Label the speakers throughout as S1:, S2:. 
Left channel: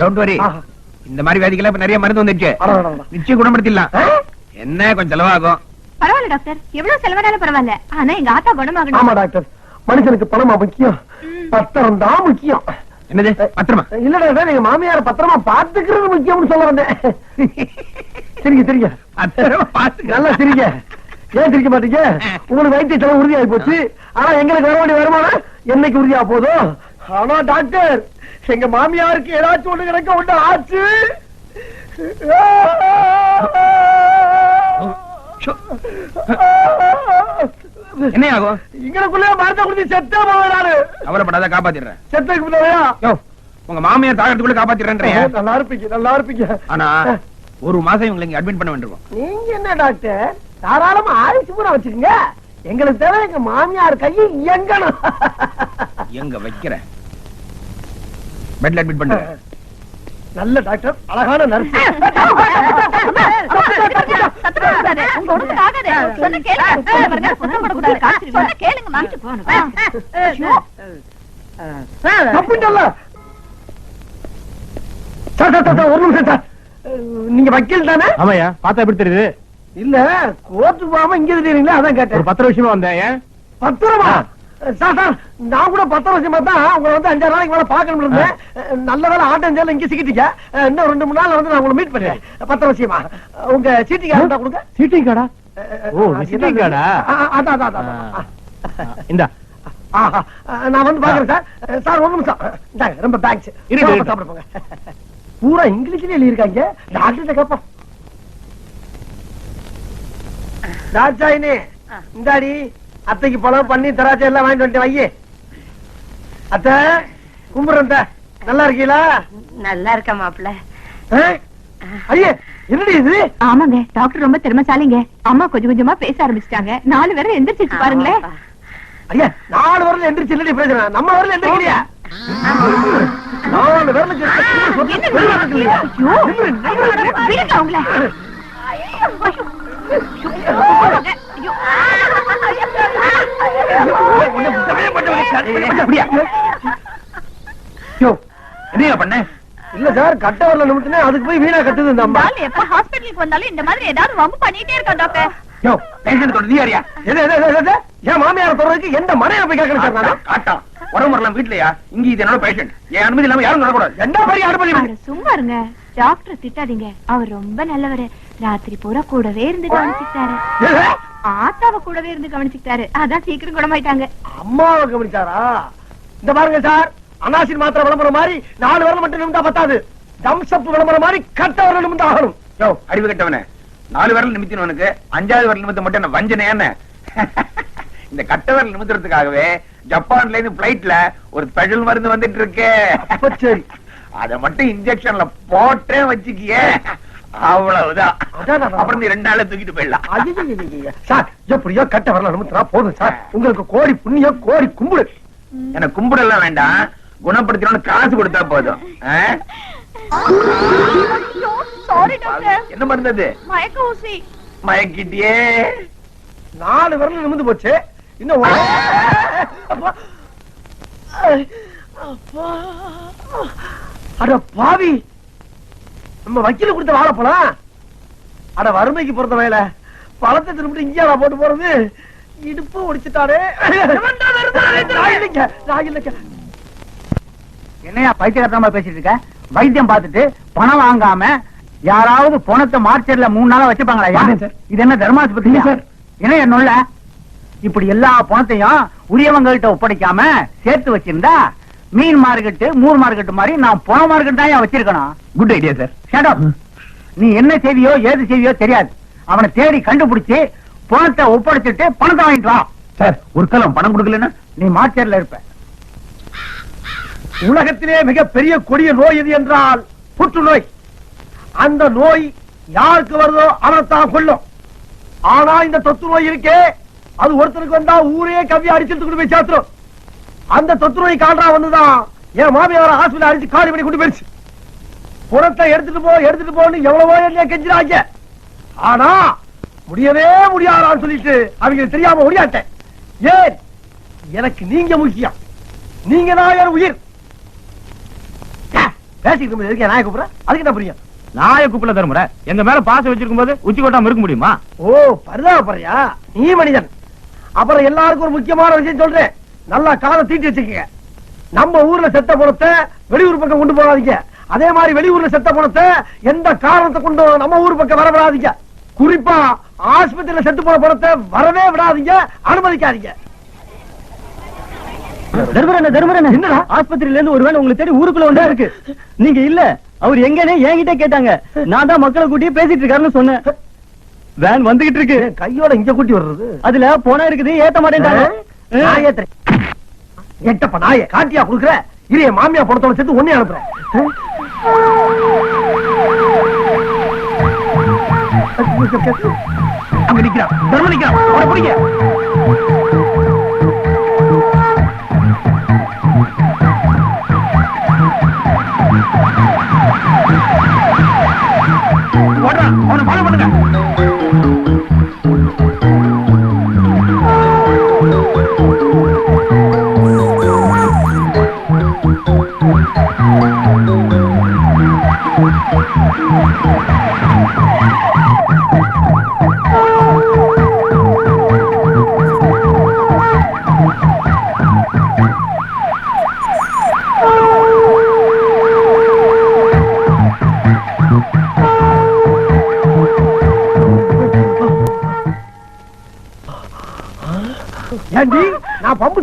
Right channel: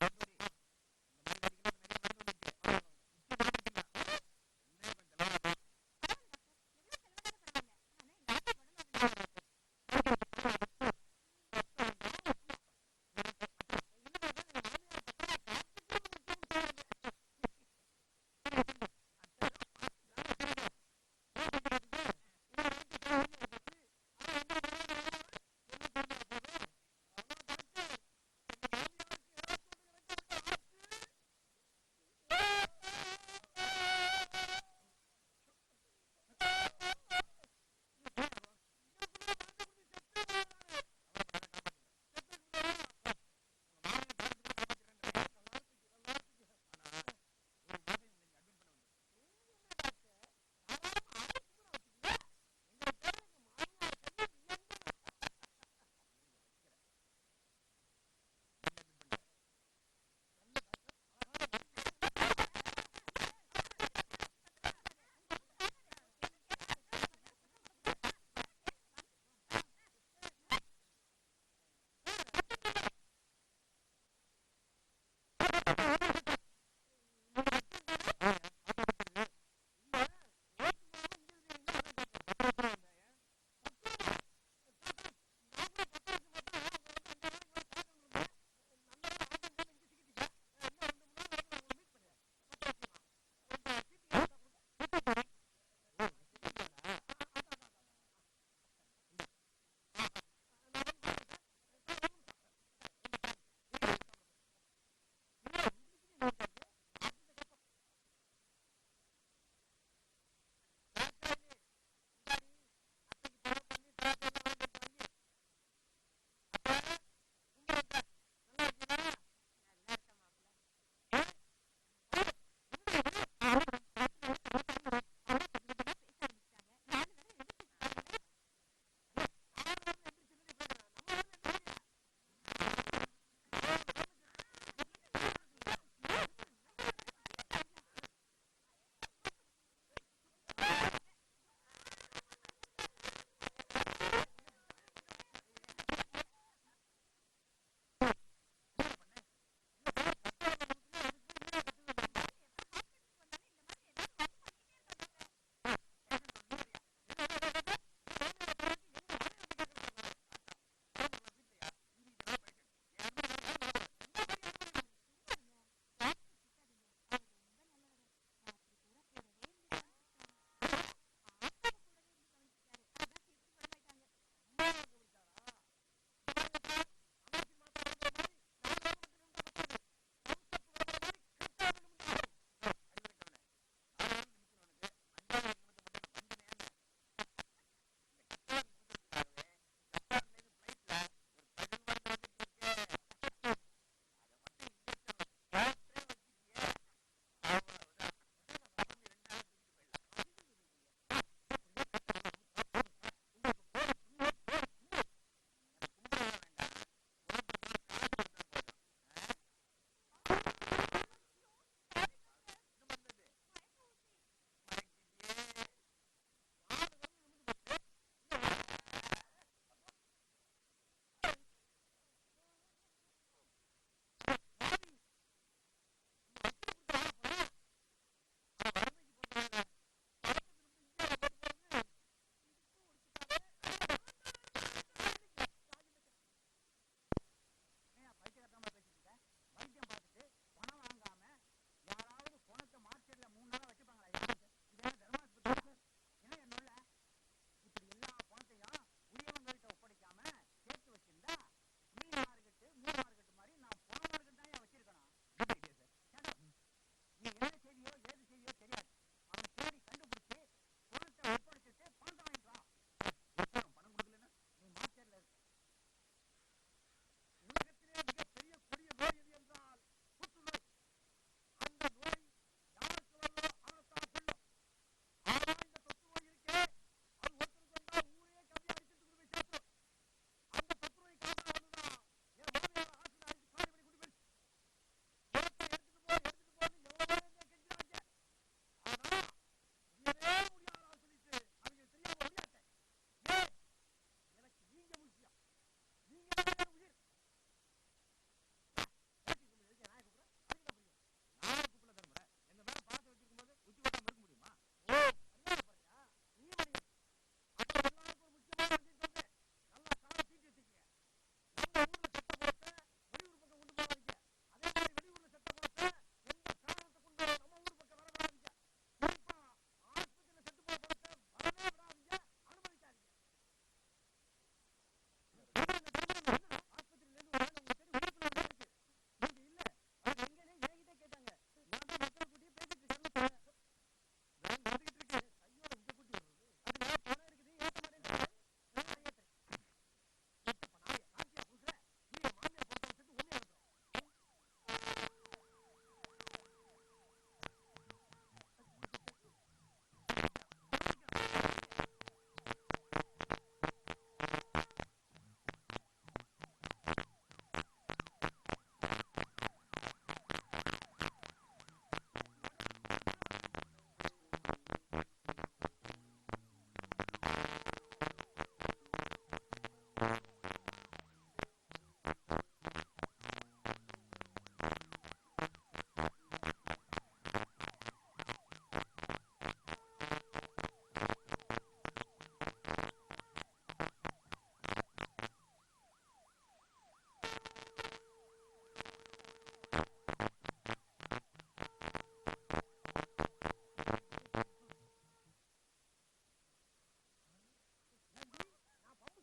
S1: Don't worry. இந்த மாதிரி வியாதிக்கெல்லாம் இப்ப நிறைய மருந்து வந்துருச்சு. நிச்சயம் குணப்படுத்திடலாம்? என்ன கொஞ்சம் செலவாகும்?
S2: பரவாயில்ல டாக்டர். எவ்வளவு செலவானாலும் பரவாயில்ல. ஆனா எங்க ஆத்தா
S3: ஆமா
S2: குணமாகணும்
S3: டாக்டர். மனுஷனுக்கு பணமா முக்கியம். பத்திரம் தான் முக்கியம்.
S1: என்னது? பத்திரமா?
S3: இல்ல டாக்டர் எங்க மாமியார பத்திரமா பாத்துக்கிறது முக்கியம்னு சொல்ல வந்தேன். சரிங்க சரிங்க. நல்லா சிரிங்க. ஏன் சிரிக்க மாட்டீங்க? உங்களுக்கு வைத்திய செலவு உறுதியாகி போச்சு. ஆனா எங்களுக்கு வர வேண்டிய வருமானம் என்னைக்கு உறுதியா போதும் ஆனா டாக்டர். எங்க மாமியாருக்கு ஏதாச்சும் ஒண்ணு கிடக்க ஒண்ணு ஆச்சு.
S1: என்ன ஆகும்?
S3: இங்களுக்குள்ளே மருந்த குடிச்சு செத்தே போவேன்
S1: கவலைப்படாத காப்பாத்திடுறேன். யோ உங்க மாமியார் தாகத்துக்குள்ள காப்பாத்திடுறேன்
S3: நல்லா இருப்பீங்க நல்லா இருப்பீங்க.
S1: ஆனா ஒரு மாசம் இவங்களை இங்க அட்மிட் பண்ண வேண்டியிருக்கும்.
S3: நீங்க என்ன டாக்டர்? தாராளமா ஆயுசு பூரா வச்சுக்கோங்க. எங்களுக்கு தேவை எங்க மாமியார் கையை இயங்கணும்.
S1: எங்க வைக்கிற பெட்ல அட்மிட் பண்றேன்
S3: நல்ல டாக்டர் அழகான நர்ஸ் ஒரு நிமிஷம் நீங்க வக்கீல் தானே?
S4: ஆமாயா பார்த்தா எப்படி தெரியுது?
S3: இல்ல கோர்ட்டு போகாம இங்க இருக்கீங்களா? அதான் கேட்டேன்.
S4: பத்து விஷயமா வந்தேன்
S3: பத்திரமா? சார் சார் நான் கூட பத்து வருஷமா தான் உங்களை வந்து அஞ்சாறு நாளைக்கு மேல பாக்கணும் இருந்தேன். நல்ல வேலை ஆட்டம் இங்க சிக்கிட்டீங்க. இன்னும் ரெண்டு மூணு நாள்ல வந்து நான் உங்களை மீட் பண்ணுறேன் பத்து வருஷமா உங்க சீட்டி கார்டு கொடுங்க.
S4: சீட்டிங் கார்டா? ஓ, ஆ?
S3: அஹ், அதான் அதான்
S4: இந்தா.
S3: நான் வந்து பாக்குறேன் சார். சார் ஒரு நிமிஷம். ரொம்ப தேங்க்ஸ்
S4: இருக்கு.
S3: சாப்பிட போங்க. பூரா இங்கிலீஷ்ல எழுதியிருக்காங்க. டாக்டர் கேப்போம் தாட்சாயினி இந்தாடி அத்தைக்கு பழம் பண்ணி திராட்சை எல்லாம் வாங்கிட்டு வந்துட்டு வையே. அத்தை கும்பிடுறேன் அத்தை. நல்லா இருக்கீங்களா?
S5: நல்லா இருக்க மாப்பிள்ள?
S3: ஐயே என்னடி இது?
S2: ஆமாங்க டாக்டர் ரொம்ப திறமைசாலிங்க. அம்மா கொஞ்சம் கொஞ்சமா பேச ஆரம்பிச்சிட்டாங்க. நாலு பேரும் எந்திரிச்சிச்சு பாருங்களேன்.
S3: ஐயா நாலு வரல எந்திரிச்சு இல்லடி பிரச்சனை நம்ம வரல எந்திரிக்கலையா நாலு
S2: விடுங்க அவங்கள.
S1: அப்படியா யோ என்னையா பண்ண?
S3: இல்ல சார் கட்ட வரல நிமிட்டுனே அதுக்கு போய் வீணா கட்டுது இந்த அம்மா.
S2: எப்ப ஹாஸ்பிட்டலுக்கு வந்தாலும் இந்த மாதிரி ஏதாவது வம்பு பண்ணிட்டே இருக்கா டாக்டர்?
S1: யோ பேஷண்ட் தொட நீ யாரியா?
S3: எது, எது, எது, எது? என் மாமியார் தொடர்றதுக்கு எந்த மனையில போய் கேட்கணும் சார் நானு?
S1: காட்டம் உடம்பு வரலாம் வீட்லயா? இங்க இது என்னோட பேஷண்ட் என் அனுமதி இல்லாம யாரும் தொடக்கூடாது
S3: என்ன பெரிய அனுமதி?
S2: சும்மா இருங்க. டாக்டர் திட்டாதீங்க. அவர் ரொம்ப நல்லவரு. ராத்திரி பூரா கூடவே இருந்து கவனிச்சுக்கிட்டாரு.
S3: எது?
S2: ஆத்தாவ கூடவே இருந்து கவனிச்சுக்கிட்டாரு. அதான் சீக்கிரம் குணமாயிட்டாங்க.
S3: அம்மாவை கவனிச்சாரா? இந்த பாருங்க சார் அனாசின் மாத்திரை விளம்பரம் மாதிரி நாலு வரல மட்டும் நிமிந்தா பத்தாது. தம்சப் விளம்பரம் மாதிரி கட்ட வரல நிமிந்தா ஆகணும்.
S1: யோ அறிவு கட்டவனே. நாலு விரல் நிமித்தினவனுக்கு அஞ்சாவது விரல் நிமித்த மட்டும் என்ன வஞ்சனை என்ன? இந்த கட்ட விரல் நிமித்துறதுக்காகவே ஜப்பான்ல இருந்து பிளைட்ல ஒரு ஸ்பெஷல் மருந்து வந்துட்டு இருக்கு.
S3: சரி.
S1: அத மட்டும் இன்ஜெக்ஷன்ல போட்டே வச்சுக்கியே. அவ்வளவுதான். அப்புறம் நீ ரெண்டு தூக்கிட்டு போயிடலாம்.
S3: சார் எப்படியோ கட்ட வரல நிமித்தினா போதும் சார். உங்களுக்கு கோடி புண்ணியம் கோடி கும்பிடு.
S1: எனக்கு கும்பிடலாம் வேண்டாம். குணப்படுத்தணும்னு காசு கொடுத்தா போதும். ஆ?
S2: சாரி டாக்டர்
S1: என்ன மருந்து அது
S2: மயக்க ஊசி.
S1: மயக்கிட்டியே.
S3: நாலு விரல் நிமிந்து போச்சு. இன்னும். அட பாவி. நம்ம வக்கீல கொடுத்த வாழைப்பழம் அட வறுமைக்கு பொறுத்த வேலை பழத்தை திரும்பிட்டு இங்கே போட்டு போறது? இடுப்பு ஒடிச்சுட்டாரு.
S4: என்னையா பைத்தியக்காரமா பேசிட்டு இருக்க? வைத்தியம் பார்த்துட்டு பணம் வாங்காம யாராவது பணத்தை மார்ச்சர்ல மூணு நாளா வச்சுப்பாங்களா. இது என்ன தர்மாஸ்பத்திரி
S3: சார்.
S4: என்ன என்னொல்ல இப்படி எல்லா பணத்தையும் உரியவங்கள்ட்ட ஒப்படைக்காம சேர்த்து வச்சிருந்தா மீன் மார்க்கெட்டு மூர் மார்க்கெட்டு மாதிரி நான் பண மார்க்கெட் தான் வச்சிருக்கணும்?
S1: Good idea sir
S4: up. நீ என்ன செய்வியோ ஏது செய்வியோ தெரியாது. அவனை தேடி கண்டுபிடிச்சு பணத்தை ஒப்படைச்சிட்டு பணத்தை வாங்கிட்டு வா.
S1: சார் ஒரு காலம் பணம் கொடுக்கலன்னா?
S4: நீ மார்ச்சர்ல இருப்ப.
S3: உலகத்திலே மிகப்பெரிய கொடிய நோய் எது என்றால் புற்றுநோய். அந்த நோய் யாருக்கு வருதோ அவனைத்தான் கொல்லும். ஆனா இந்த தொத்து நோய் இருக்கே அது ஒருத்தருக்கு வந்தா ஊரே கவ்வி அடிச்சுட்டு கொண்டு போய் சேர்த்துரும். அந்த தொத்து நோய் காண்டா வந்துதான் என் மாமியார ஹாஸ்பிட்டல் அடிச்சு காலி பண்ணி கொண்டு போயிருச்சு. புறத்தை எடுத்துட்டு போ எடுத்துட்டு போன்னு எவ்வளவோ என்ன கெஞ்சிராங்க ஆனா முடியவே முடியாதான்னு சொல்லிட்டு அவங்களுக்கு தெரியாம முடியாட்டேன் ஏன்? எனக்கு நீங்க முக்கியம். நீங்க தான் என் உயிர். பேசிக்கிட்டு எதுக்கு நாய கூப்பிடுற? அதுக்கு என்ன புரியும்?
S1: நாய குப்பல தருமுறை எங்க மேல பாசம் வச்சிருக்கும் போது உச்சி கொட்டாம இருக்க முடியுமா?
S3: ஓ பரிதாபப்படுறியா? நீ மனிதன். அப்புறம் எல்லாருக்கும் ஒரு முக்கியமான விஷயம் சொல்றேன். நல்லா காதை தீட்டி வச்சுக்கங்க. நம்ம ஊர்ல செத்த பணத்தை வெளியூர் பக்கம் கொண்டு போகாதீங்க. அதே மாதிரி வெளியூர்ல செத்த பணத்தை எந்த காரணத்தை கொண்டு நம்ம ஊர் பக்கம் வர விடாதீங்க குறிப்பா ஆஸ்பத்திரியில செத்து போன பணத்தை வரவே விடாதீங்க. அனுமதிக்காதீங்க?
S4: ஆஸ்பத்திரியில இருந்து ஒருவேளை உங்களுக்கு தேடி ஊருக்குள்ள வந்தா இருக்கு. நீங்க இல்ல அவர் எங்கன்னு என்கிட்ட கேட்டாங்க. நான் தான் மக்களை கூட்டி பேசிட்டு இருக்காருன்னு சொன்னேன். வேன் வந்துகிட்டு இருக்கு.
S3: கையோட இங்க கூட்டி வர்றது?
S4: அதுல போனா இருக்குது ஏத்த
S3: நான் ஏத்துறேன். எட்டப்ப நாய காட்டியா குடுக்குற? இரு என் மாமியா பணத்தோட சேர்த்து ஒன்னே அனுப்புறேன்
S1: அங்க நிக்கிறான். தர்ம நிக்கிறான். அவனை பிடிங்க. ஓடுறான் அவனை ஃபாலோ பண்ணுங்க.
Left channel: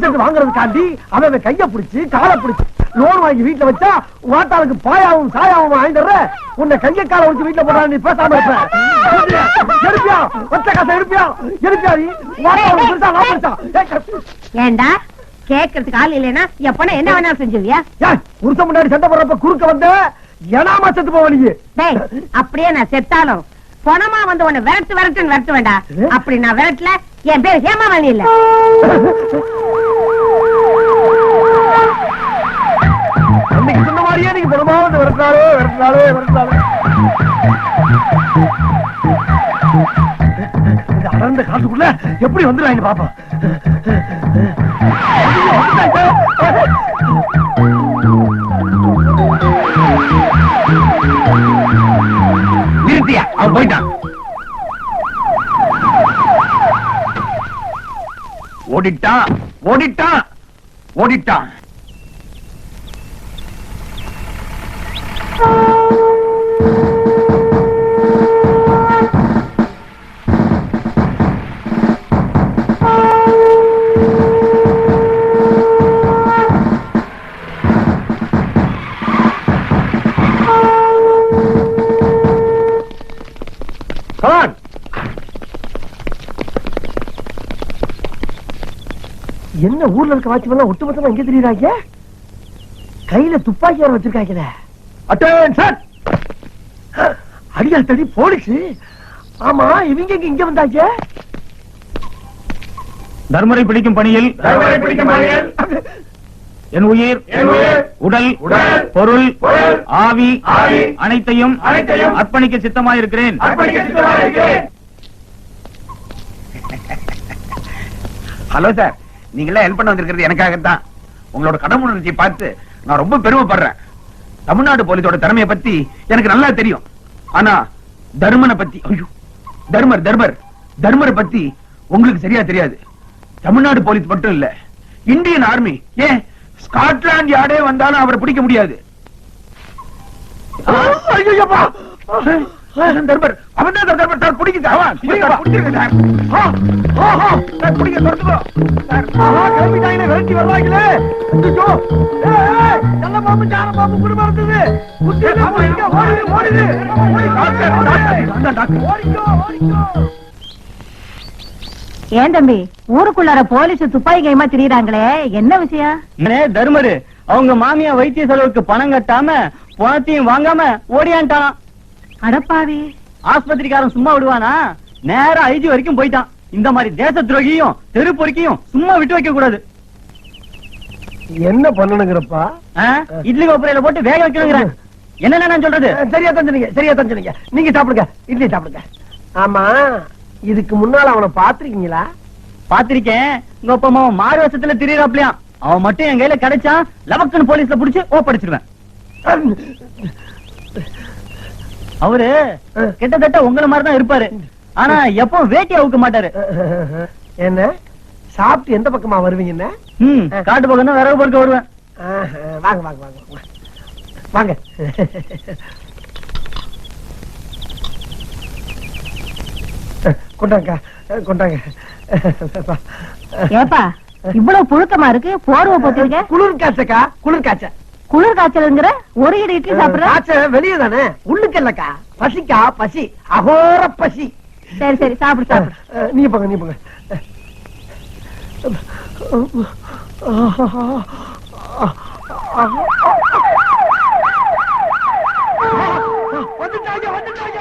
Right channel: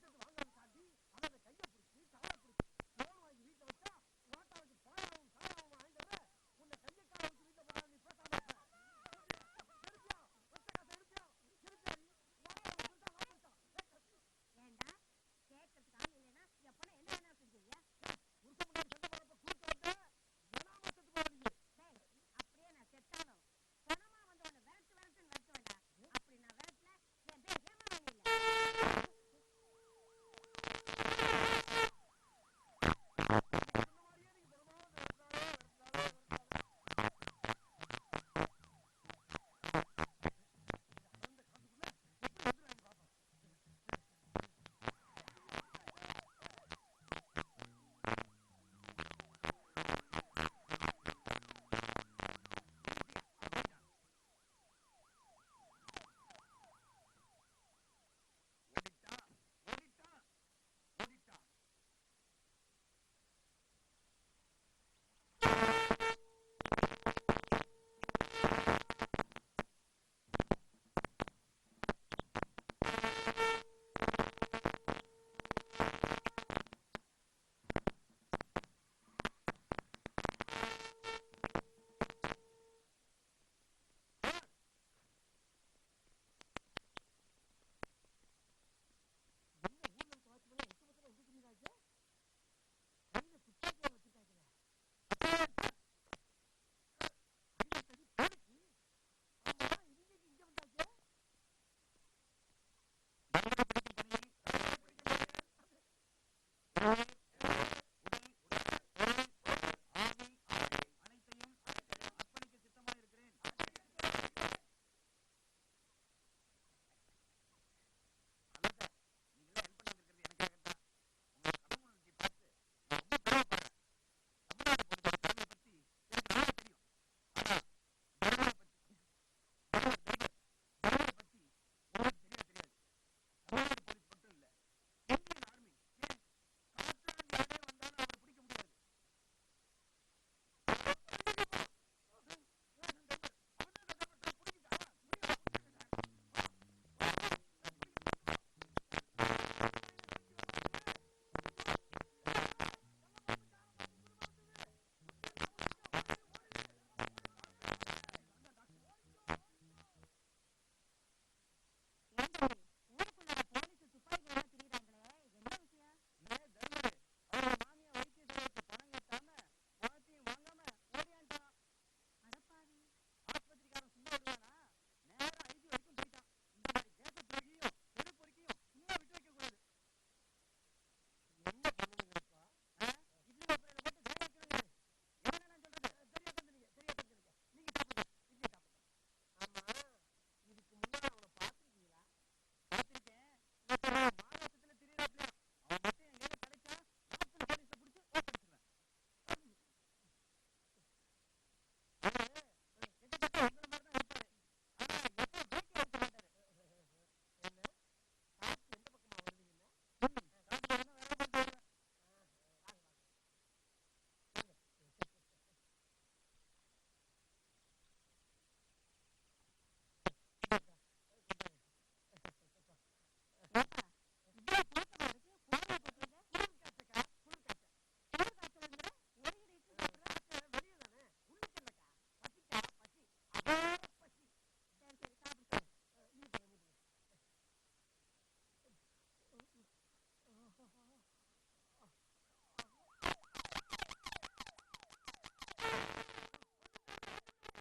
S3: செட்டு வாங்குறதுக்காண்டி அவன் கைய பிடிச்சு காலை பிடிச்சு லோன் வாங்கி வீட்டுல வச்சா வாட்டாளுக்கு பாயாவும் சாயாவும் வாங்கிடுற உன்னை கைய காலை வச்சு வீட்டுல போடா நீ பேசாம இருப்ப. எடுப்பியா ஒத்த காசை எடுப்பியா எடுப்பியா நீ? வாட்டாளுக்கு பெருசா நான் பெருசா
S5: ஏண்டா? கேக்குறதுக்கு ஆள் இல்லைன்னா எப்பனா என்ன வேணாலும் செஞ்சுவியா
S3: புருஷன் முன்னாடி சண்டை போடுறப்ப குறுக்க வந்த ஏனாமா செத்து போவ நீ.
S5: டேய் அப்படியே நான் செத்தாலும் பணமா வந்து உன்னை விரட்டு விரட்டுன்னு விரட்டு வேண்டா. அப்படி நான் விரட்டல என் பேர் ஹேமாவாணி இல்ல.
S3: விரட்டினாலே விரட்டினாலே இந்த அடர்ந்த காட்டுக்குள்ள எப்படி வந்துடுறாங்க பாப்பா?
S1: அவன் போயிட்டான். ஓடிட்டான் ஓடிட்டான் ஓடிட்டான்.
S3: என்ன ஊர்ல இருக்க வாட்சி ஒட்டுமொத்தமா எங்க தெரியுறாங்க? கையில துப்பாக்கி வேற வச்சிருக்காங்களே அட்டென்ஷன் அடியா தடி போலீஸ். ஆமா இவங்க இங்க வந்தாங்க?
S1: தர்மரை பிடிக்கும் பணியில்.
S3: தர்மரை பிடிக்கும் பணியில்.
S1: என் உயிர் உடல்
S3: உடல்,
S1: பொருள் ஆவி
S3: ஆவி,
S1: அனைத்தையும்
S3: அனைத்தையும்
S1: அர்ப்பணிக்க சித்தமாயிருக்கிறேன். Hello sir. நீங்க ஹெல்ப் பண்ண வந்திருக்கிறது எனக்காகத்தான். உங்களோட கடமுணர்ச்சியை பார்த்து நான் ரொம்ப பெருமைப்படுறேன். தமிழ்நாடு போலீஸோட திறமையை பத்தி எனக்கு நல்லா தெரியும். ஆனா தர்மனை பத்தி ஐயோ தர்மர் தர்மர் தர்மரை பத்தி உங்களுக்கு சரியா தெரியாது. தமிழ்நாடு போலீஸ் மட்டும் இல்ல இந்தியன் ஆர்மி ஏன் ஸ்காட்லாந்து யார்டே வந்தாலும் அவரை பிடிக்க முடியாது. ஐயோ தர்மர் அவன் தான் தர்மர் சார் பிடிக்குது அவன் பிடிங்க, பிடிங்க சார் சார். பிடிங்க தொடர்ந்துக்கோ சார்
S3: கிளம்பிட்டாங்களே விரட்டி வர்றாங்களே ஐயோ ஏய், ஏய், நல்ல பாம்பு சார பாம்பு குடும்பம் இருந்தது குத்திட்டு போயிங்க ஓடுது ஓடுது.
S1: டாக்டர், டாக்டர், நான் தான் டாக்டர்.
S3: ஓடிக்கோ ஓடிக்கோ
S2: ஏன் தம்பி ஊருக்குள்ளார போலீஸ் துப்பாக்கி கைமா திரியறாங்களே? என்ன விஷயம்?
S4: தர்மரு அவங்க மாமியா வைத்திய செலவுக்கு பணம் கட்டாம பணத்தையும் வாங்காம ஓடியான்ட்டான்
S2: அடப்பாவி.
S4: ஆஸ்பத்திரிக்காரன் சும்மா விடுவானா? நேரா ஐஜி வரைக்கும் போயிட்டான். இந்த மாதிரி தேச துரோகியும் தெரு பொறுக்கியும் சும்மா விட்டு வைக்க கூடாது.
S3: என்ன பண்ணணுங்கிறப்பா?
S4: இட்லி கோப்பரையில போட்டு வேக வைக்கணுங்கிறேன். என்ன நான் சொல்றது?
S3: சரியா தான் சொன்னீங்க சரியா தான் சொன்னீங்க நீங்க சாப்பிடுங்க இட்லி சாப்பிடுங்க. ஆமா இதுக்கு முன்னால அவனை பாத்திருக்கீங்களா
S4: பாத்திருக்கேன் உங்க அப்பா அம்மா மாறு வருஷத்துல திரியறாப்லயாம் அவன் மட்டும் என் கையில கிடைச்சான் லவக்குன்னு போலீஸ்ல புடிச்சு ஓப்படிச்சிருவேன் அவரு கிட்டத்தட்ட உங்கள மாதிரி தான் இருப்பாரு. ஆனா எப்பவும் வேட்டி அவுக்க மாட்டாரு.
S3: என்ன? சாப்பிட்டு எந்த பக்கமா வருவீங்க என்ன?
S4: ம் காட்டு பக்கம் தான் விறகு பொறுக்க வருவேன்.
S3: ஆஹா, வாங்க வாங்க வாங்க. வாங்க. வாங்க கொண்டாங்க கொண்டாங்க.
S5: ஏப்பா இவ்வளவு புழுக்கமா இருக்கு? போர்வை போத்திருக்க
S3: குளிர் காய்ச்சக்கா குளிர் காய்ச்ச.
S5: குளிர் காய்ச்சலுங்கிற ஒரு இடி இட்லி சாப்பிடுற
S3: காய்ச்ச வெளியே தானே உள்ளுக்கு இல்லக்கா பசிக்கா பசி அகோர பசி
S5: சரி சரி சாப்பிடு சாப்பிடு
S3: நீ போங்க நீ போங்க வந்துட்டாங்க வந்துட்டாங்க